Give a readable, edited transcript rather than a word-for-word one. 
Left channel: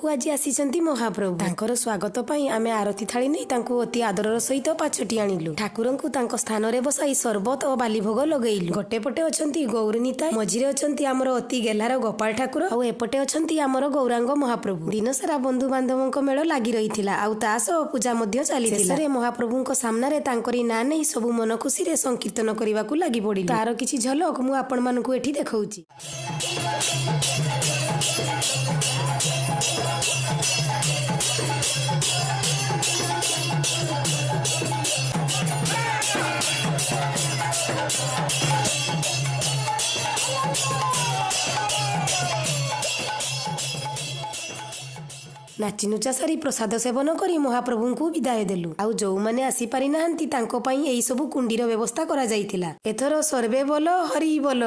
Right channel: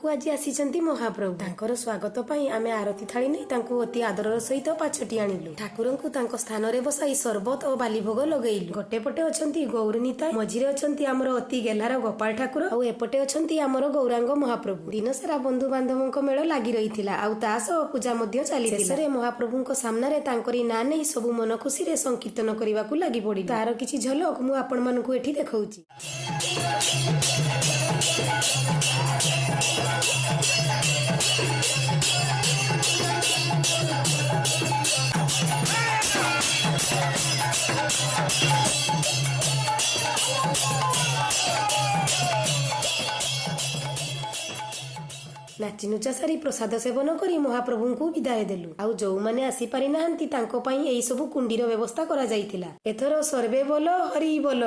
ମଣ୍ଡପକୁ ଆଜି ଆସିଛନ୍ତି ମହାପ୍ରଭୁ। ତାଙ୍କର ସ୍ୱାଗତ ପାଇଁ ଆମେ ଆରତି ଥାଳି ନେଇ ତାଙ୍କୁ ଅତି ଆଦରର ସହିତ ପାଛୋଟି ଆଣିଲୁ। ଠାକୁରଙ୍କୁ ତାଙ୍କ ସ୍ଥାନରେ ବସାଇ ସରବତ ଓ ବାଲିଭୋଗ ଲଗେଇଲୁ। ଗୋଟେ ପଟେ ଅଛନ୍ତି ଗୌରୀ ନିତାଇ, ମଝିରେ ଅଛନ୍ତି ଆମର ଅତି ଗେହ୍ଲାର ଗୋପାଳ ଠାକୁର, ଆଉ ଏପଟେ ଅଛନ୍ତି ଆମର ଗୌରାଙ୍ଗ ମହାପ୍ରଭୁ। ଦିନସାରା ବନ୍ଧୁ ବାନ୍ଧବଙ୍କ ମେଳ ଲାଗି ରହିଥିଲା, ଆଉ ତା ସହ ପୂଜା ମଧ୍ୟ ଚାଲିଥିଲା। ଶେଷରେ ମହାପ୍ରଭୁଙ୍କ ସାମ୍ନାରେ ତାଙ୍କରି ନାଁ ନେଇ ସବୁ ମନ ଖୁସିରେ ସଂକୀର୍ତ୍ତନ କରିବାକୁ ଲାଗି ପଡିଲୁ। ତାର କିଛି ଝଲକ ମୁଁ ଆପଣମାନଙ୍କୁ ଏଠି ଦେଖଉଛି। ନାଚିନୁଚା ସାରି ପ୍ରସାଦ ସେବନ କରି ମହାପ୍ରଭୁଙ୍କୁ ବିଦାୟ ଦେଲୁ। ଆଉ ଯୋଉମାନେ ଆସିପାରି ନାହାନ୍ତି ତାଙ୍କ ପାଇଁ ଏଇ ସବୁ କୁଣ୍ଡିର ବ୍ୟବସ୍ଥା କରାଯାଇଥିଲା। ଏଥର ସର୍ବେ ବୋଲ ହରି ବୋଲ।